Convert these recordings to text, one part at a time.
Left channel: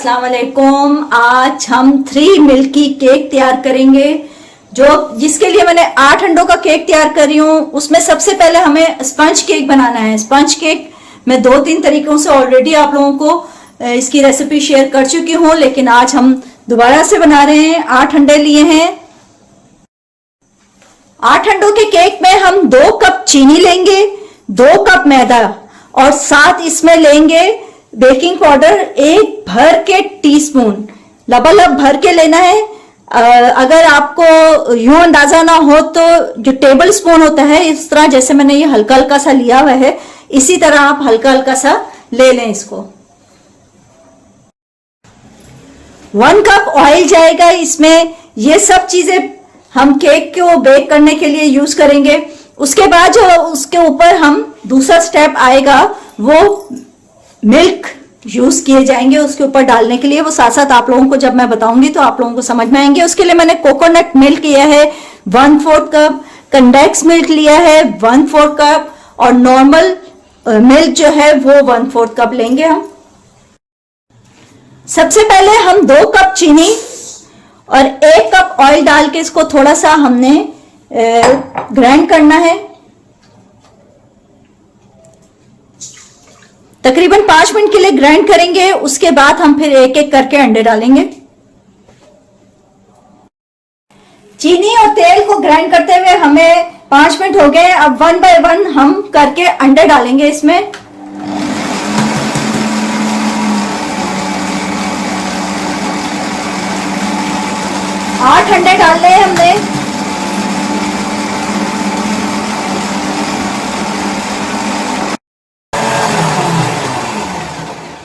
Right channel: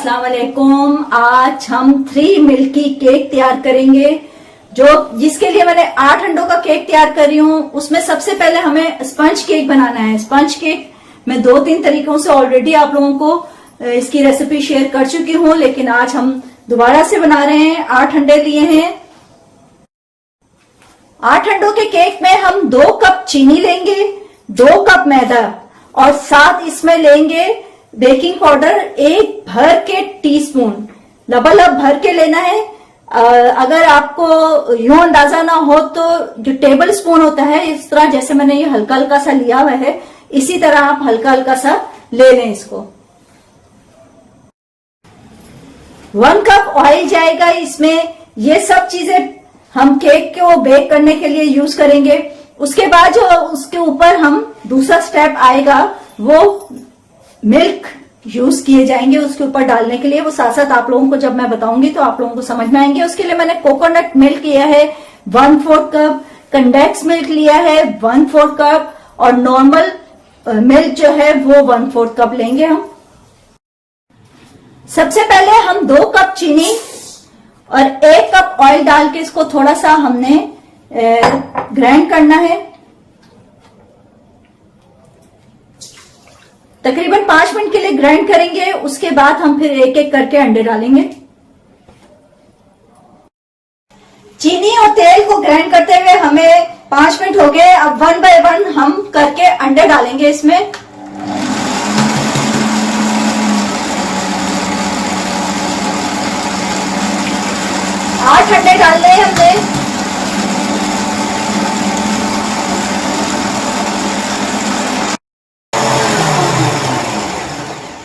अस्सलाम वालेकुम। आज हम 3 मिल्की केक तैयार करेंगे, जिसके लिए मैंने 8 अंडों का केक तैयार कर रही हूँ। उसमें सबसे पहले हमें स्पंज केक बनाना है। स्पंज केक मैं 2-3 तरीकों से ऑलरेडी आप लोगों को इसकी रेसिपी शेयर कर चुकी हूँ, लेकिन आज हम दोबारा से बना रहे हैं। 8 अंडे लिए हैं। 8 अंडों के केक में हम 2 कप चीनी लेंगे, 2 कप मैदा और साथ इसमें लेंगे बेकिंग पाउडर 1 भर के टीस्पून। लबालब भर के लेना है। अगर आपको यूं अंदाजा ना हो तो जो टेबल स्पून होता है, इस तरह जैसे मैंने ये हल्का हल्का सा लिया हुआ है, इसी तरह आप हल्का हल्का सा ले लें इसको। 1 कप ऑयल जाएगा इसमें। ये सब चीजें हम केक को बेक करने के लिए यूज करेंगे। उसके बाद जो उसके ऊपर हम दूसरा स्टेप आएगा, वो मिल्क यूज किए जाएंगे उसके ऊपर डालने के लिए। वो साथ साथ आप लोगों को जब मैं बताऊंगी तो आप लोगों को समझ में आएंगे। उसके लिए मैंने कोकोनट मिल्क लिया है 1/4 कप, कंडेंस मिल्क लिया है 1/4 कप और नॉर्मल मिल्क जो है वो 1/4 कप लेंगे हम। सबसे पहले हम 2 कप चीनी और 1 कप ऑयल डाल के इसको थोड़ा सा हमने ग्राइंड करना है। तकरीबन 5 मिनट के लिए ग्राइंड करेंगे। उसके बाद हम फिर एक एक करके अंडे डालेंगे। चीनी और तेल को ग्राइंड करते हुए हमें 5 मिनट हो गए। अब 1 बाय 1 हम करके अंडे डालेंगे इसमें। 8 अंडे डालने हैं हमने।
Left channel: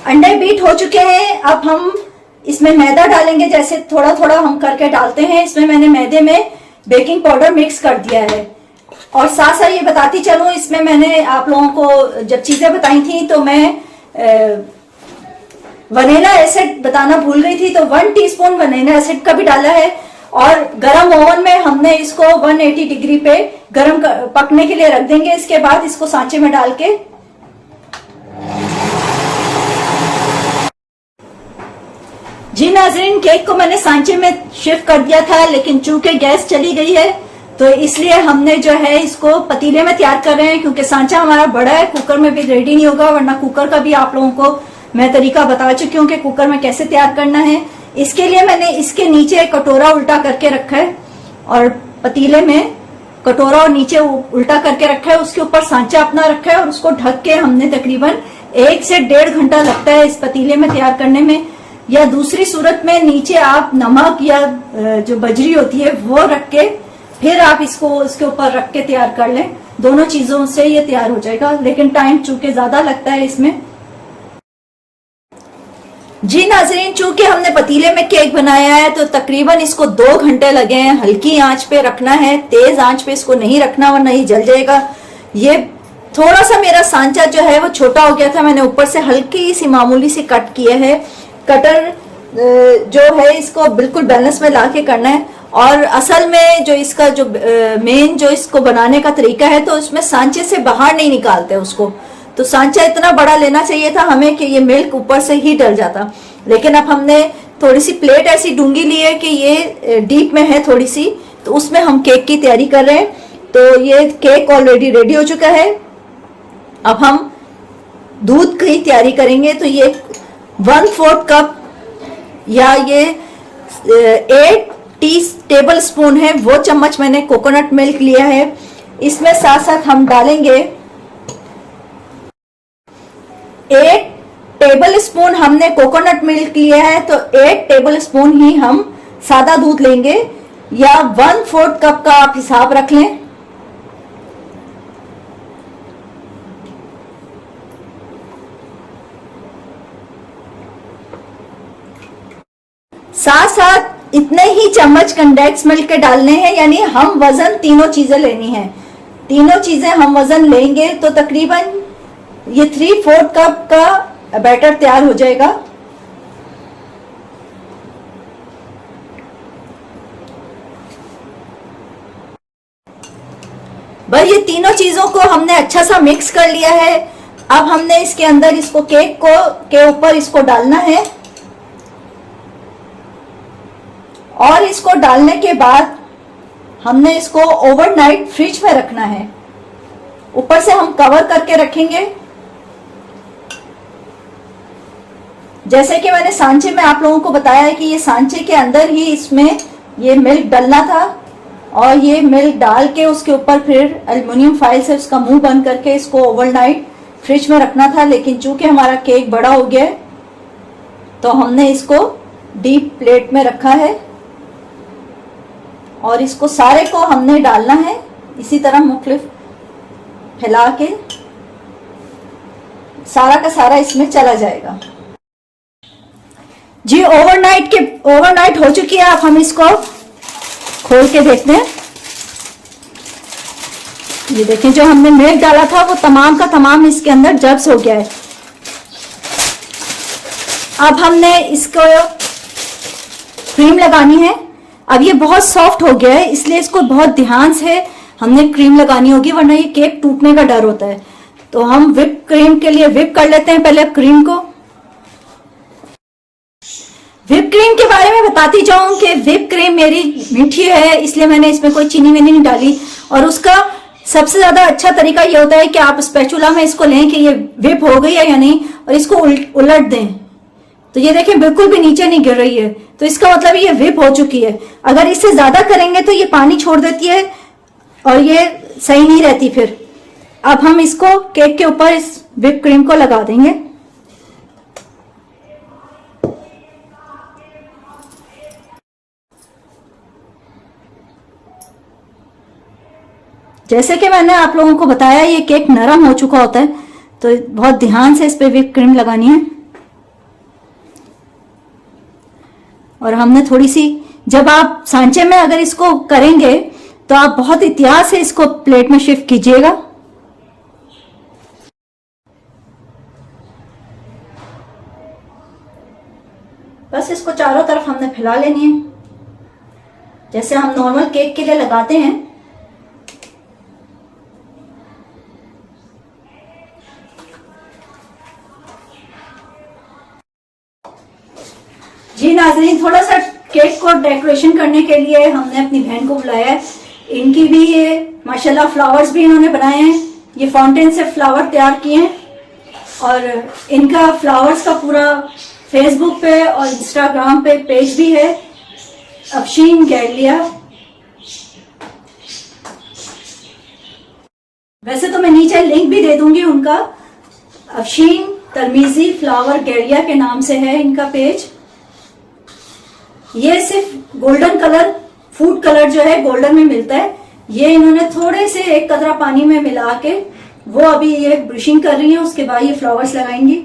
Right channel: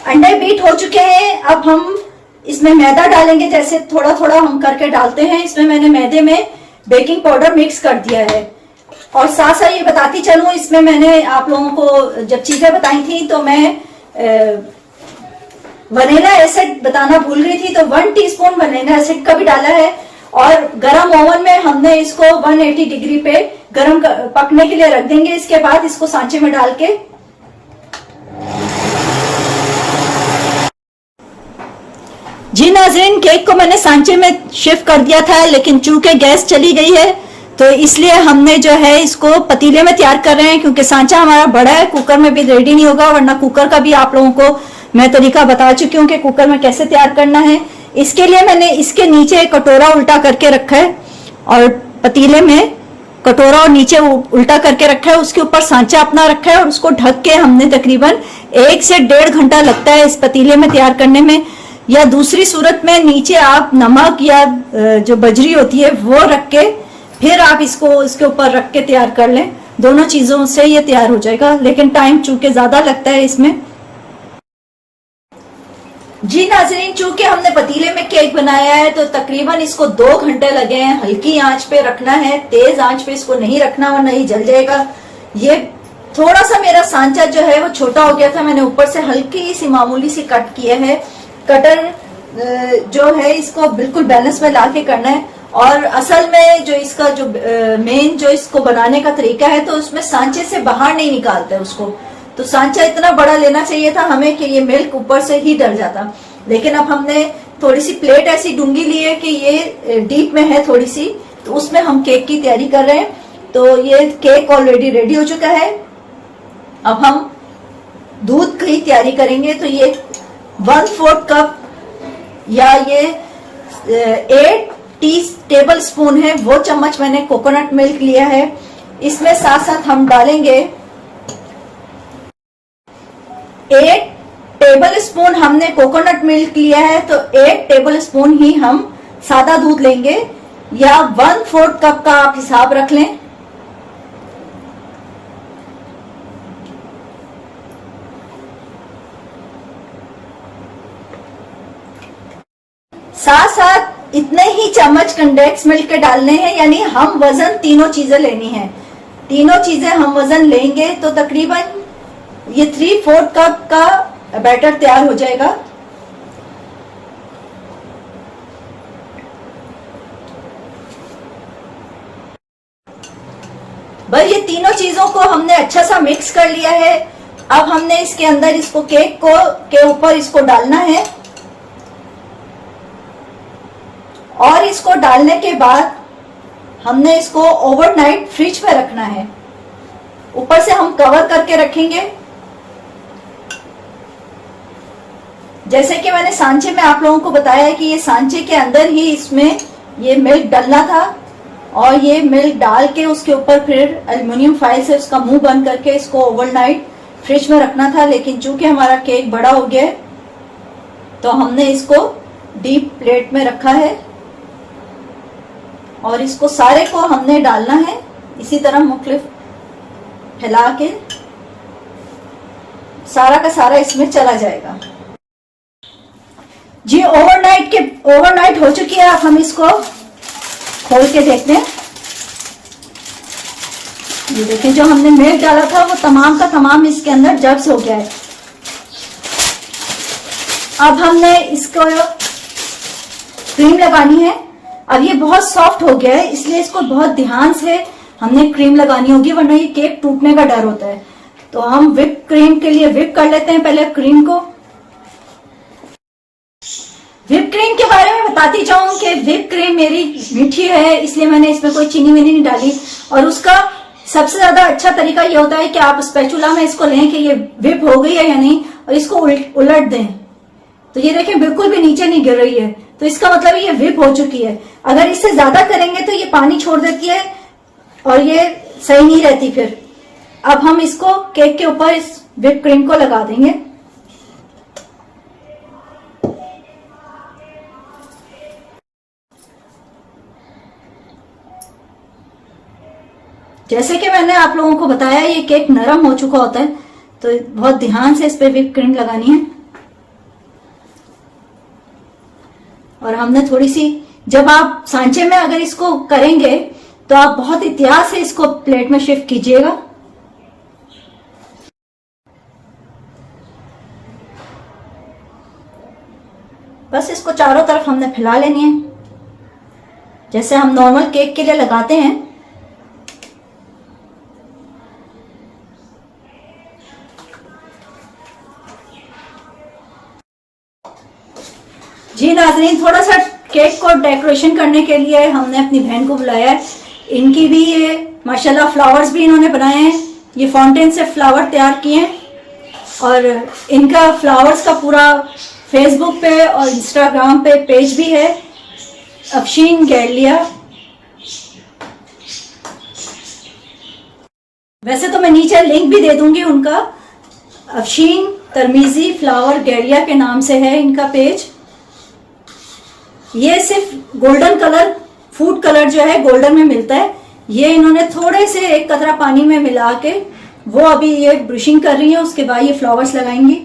अंडे बीट हो चुके हैं। अब हम इसमें मैदा डालेंगे, जैसे थोड़ा थोड़ा हम करके डालते हैं। इसमें मैंने मैदे में बेकिंग पाउडर मिक्स कर दिया है। और साथ साथ ये बताती चलूं, इसमें मैंने आप लोगों को जब चीजें बताई थी तो मैं वनीला एसिड बताना भूल गई थी, तो 1 टीस्पून वनीला एसिड का भी डाला है। और गरम ओवन में हमने इसको 180 डिग्री पे गरम पकने के लिए रख देंगे। इसके बाद इसको सांचे में डाल के जी नाज़रीन, केक को मैंने सांचे में शिफ्ट कर दिया था, लेकिन चूंकि गैस चली गई है तो इसलिए हमने जो है इसको पतीले में तैयार कर रहे हैं, क्योंकि सांचा हमारा बड़ा है, कुकर में भी रेडी नहीं होगा। वरना कुकर का भी आप लोगों को मैं तरीका बता चुकी हूँ कि कुकर में कैसे तैयार करना है। इसके लिए मैंने इसके नीचे एक कटोरा उल्टा करके रखा है और पतीले में कटोरा और नीचे उल्टा करके रखा है। उसके ऊपर सांचा अपना रखा है और उसको ढक के हमने तकरीबन 1 से 1.5 घंटा लगता है इस पतीले में तैयार करने में। या दूसरी सूरत में नीचे आप नमक या जो बजरी होती है वो रख के फिर आप इसको इसके ऊपर रख के तैयार कर लें। दोनों चीजों से ये तैयार हो जाएगा, लेकिन टाइम चूंकि ज्यादा लगता है इसमें। जी नाज़रीन, चूंकि हमने पतीले में केक बनाया है तो तकरीबन इसको 2 घंटे लगे हैं। हल्की आंच पे रखना है, तेज आंच पे इसको नहीं रखना वरना ही जल जाएगा। ये थोड़ा सा मेरा सांचा जो है वो छोटा हो गया था, मैंने ऊपर से हल्की सी मामूली सी कट किए है। कटर जो है इसको बिल्कुल बैलेंस में ला के करना है। और असल में जो इसका जो मेन जो इसको बनाने का तरीका है, तो उसमें सांचे से बाहर नहीं निकालते उसको। तो सांचा इतना बड़ा लेना चाहिए था हमें कि ये मिल्क ऊपर से ही डल जाता। लेकिन अब हमने थोड़ी सी प्लेट ऐसी डूंगी ली है कि ये डीप में है थोड़ी सी, तो उसमें हम केक की तैयारी कर रहे हैं। तो ये केक ऑलरेडी रेडी हो चुका है। अब हम दूध की तैयारी करेंगे। तो ये 1/4 कप या ये 8 टेबल स्पून है, वो चम्मच मैंने कोकोनट मिल्क लिया है। इसमें साथ साथ हम डालेंगे 8 टेबल स्पून हमने कोकोनट मिल्क लिया है, तो 8 टेबल स्पून ही हम सादा दूध लेंगे, या 1/4 कप का आप हिसाब रख लें। साथ साथ इतने ही चम्मच कंडेंस मिल्क के डालने हैं, यानी हम वजन तीनों चीजें लेनी है। तीनों चीजें हम वजन लेंगे तो तकरीबन ये 3/4 कप का बैटर तैयार हो जाएगा। बस ये तीनों चीजों को हमने अच्छा सा मिक्स कर लिया है। अब हमने इसके अंदर इसको केक को के ऊपर इसको डालना है और इसको डालने के बाद हमने इसको ओवरनाइट फ्रिज में रखना है। ऊपर से हम कवर करके रखेंगे। जैसे कि मैंने सांचे में आप लोगों को बताया है कि ये सांचे के अंदर ही इसमें ये मिल्क डालना था और ये मिल्क डाल के उसके ऊपर फिर एल्युमिनियम फाइल से उसका मुंह बंद करके इसको ओवरनाइट फ्रिज में रखना था। लेकिन चूंकि हमारा केक बड़ा हो गया है तो हमने इसको डीप प्लेट में रखा है और इसको सारे को हमने डालना है इसी तरह मुख्तलिफ फैला के, सारा का सारा इसमें चला जाएगा। जी ओवरनाइट हो चुकी है। अब हम इसको खोल के देखते हैं। ये देखें, जो हमने मिल्क डाला था वो तमाम का तमाम इसके अंदर जब्स हो गया है। अब हमने इसको क्रीम लगानी है। अब ये बहुत सॉफ्ट हो गया है इसलिए इसको बहुत ध्यान से हमने क्रीम लगानी होगी, वरना ये केक टूटने का डर होता है। तो हम व्हिप क्रीम के लिए व्हिप कर लेते हैं पहले क्रीम को। व्हिप क्रीम के बारे में बताती जाऊं कि व्हिप क्रीम मेरी मीठी है इसलिए मैंने इसमें कोई चीनी वीनी नहीं डाली। और उसका सबसे ज्यादा अच्छा तरीका ये होता है कि आप स्पैचुला में इसको लें कि ये व्हिप हो गई है या नहीं और इसको उलट दें। तो ये देखें बिल्कुल भी नीचे नहीं गिर रही है, तो इसका मतलब ये व्हिप हो चुकी है। अगर इससे ज्यादा करेंगे तो ये पानी छोड़ देती है और ये सही नहीं रहती फिर। अब हम इसको केक के ऊपर इस व्हिप क्रीम को लगा देंगे। जैसे कि मैंने आप लोगों को बताया ये केक नरम हो चुका होता है तो बहुत ध्यान से इस पे व्हिप क्रीम लगानी है। और हमने थोड़ी सी, जब आप सांचे में अगर इसको करेंगे तो आप बहुत एहतियात से इसको प्लेट में शिफ्ट कीजिएगा। बस इसको चारों तरफ हमने फैला लेनी है जैसे हम नॉर्मल केक के लिए लगाते हैं। जी नाज़रीन, थोड़ा सा केक को डेकोरेशन करने के लिए हमने अपनी बहन को बुलाया है। इनकी भी ये माशाल्लाह फ्लावर्स भी इन्होंने बनाए हैं। ये फाउंटेन से फ्लावर तैयार किए हैं और इनका फ्लावर्स का पूरा फेसबुक पे और इंस्टाग्राम पे पेज भी है, अफशीन गैलिया। वैसे तो मैं नीचे लिंक भी दे दूंगी उनका। अफशीन तरमीजी फ्लावर गैलिया के नाम से है इनका पेज। ये सिर्फ गोल्डन कलर, फूड कलर जो है गोल्डन में मिलता है, ये इन्होंने थोड़े से एक कतरा पानी में मिला के वो अभी ये ब्रशिंग कर रही है, उसके बाद ये फ्लावर्स लगाएंगी।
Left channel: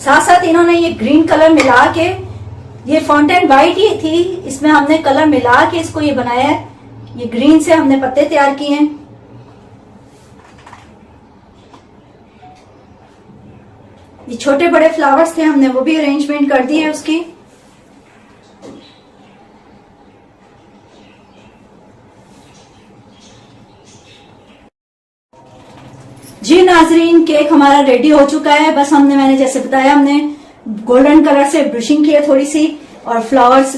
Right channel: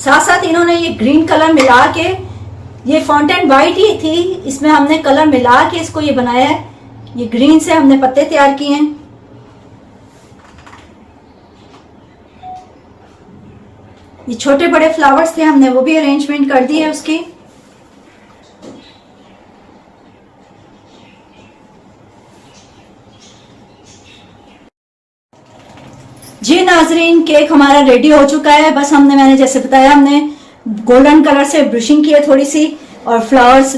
साथ साथ इन्होंने ये ग्रीन कलर मिला के, ये फाउंटेन वाइट ही थी, इसमें हमने कलर मिला के इसको ये बनाया है। ये ग्रीन से हमने पत्ते तैयार किए हैं। ये छोटे बड़े फ्लावर्स थे, हमने वो भी अरेंजमेंट कर दी है उसकी। जी नाजरीन, केक हमारा रेडी हो चुका है। बस मैंने जैसे बताया, हमने गोल्डन कलर से ब्रशिंग की है थोड़ी सी, और फ्लावर्स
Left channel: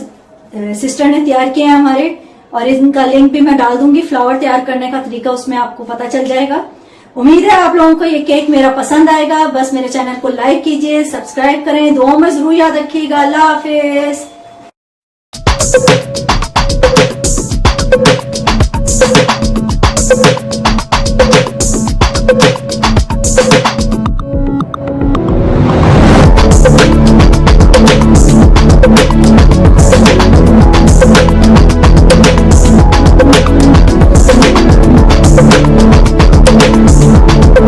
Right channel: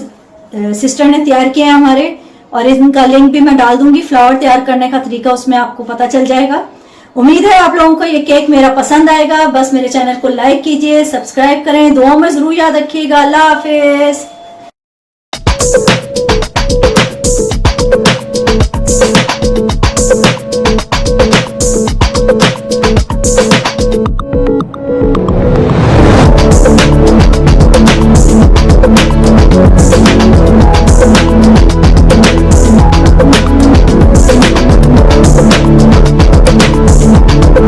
सिस्टर ने तैयार किए हैं हमारे, और इनका लिंक भी मैं डाल दूंगी। फ्लावर तैयार करने का तरीका उसमें आपको पता चल जाएगा। उम्मीद है आप लोगों को ये केक मेरा पसंद आएगा। बस मेरे चैनल को लाइक कीजिए, सब्सक्राइब करें, दुआ में जरूर याद रखिएगा। अल्लाह हाफिज।